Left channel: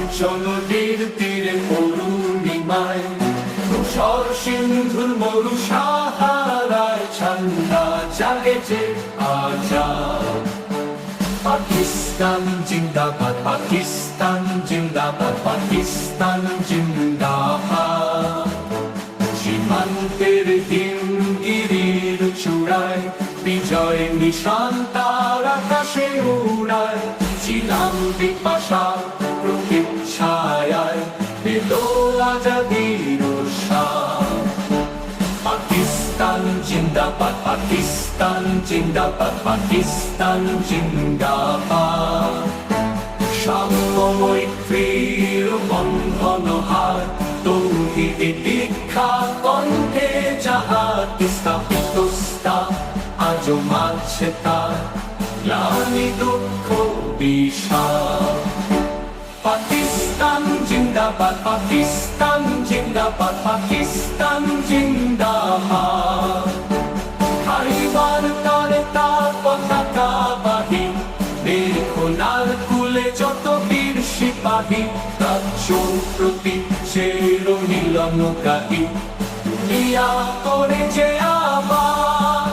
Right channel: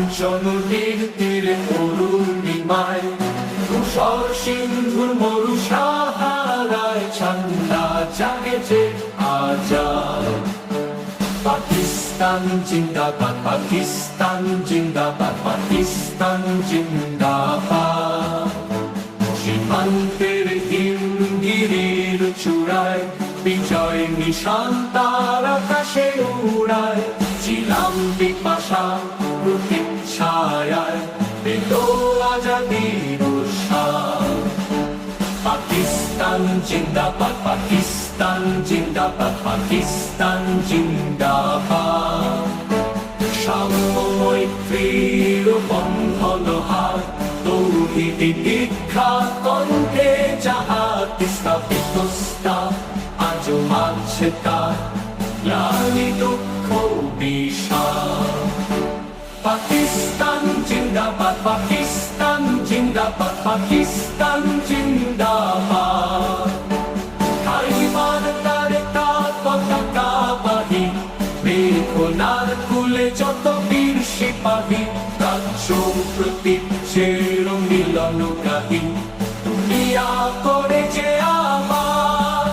পঞ্চনদীর তীরে অরুণিমায় তুষার সিন্ধুর মরু সাহারায় ঠান্ডা জাগেছে আজাদ। পাকিস্তান জিন্দাবাদ, পাকিস্তান জিন্দাবাদ, পাকিস্তান জিন্দাবাদ। সীমান্তের হিমগিরির চূড়ায় বিজয় নিশান তার আকাশে উড়ায়। ছিলাম পিপাসা প্রতীক্ষায় পেল আজাদির উৎসাহ। পাকিস্তান জিন্দাবাদ, পাকিস্তান জিন্দাবাদ, পাকিস্তান জিন্দাবাদ। সাম্যময় মৈত্রীর বন্ধন হার তৌহিদি দীক্ষা কণ্ঠে যাহার স্থাপিত স্থান আজও মানছে তার গ্লানি দুঃখ বিষাদ। পাকিস্তান জিন্দাবাদ, পাকিস্তান জিন্দাবাদ, পাকিস্তান জিন্দাবাদ। খাইবার তারে তার পতাকা বাহি বেখোলার কুলে যত বীর সিপাহী রাজ্য প্রতি শের মিলনগ্রাহী দুনিয়া করে যে আবার।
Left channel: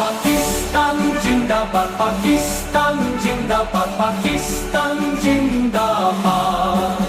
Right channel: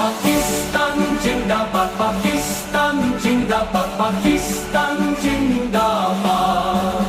পাকিস্তান জিন্দাবাদ, পাকিস্তান জিন্দাবাদ, পাকিস্তান জিন্দাবাদ।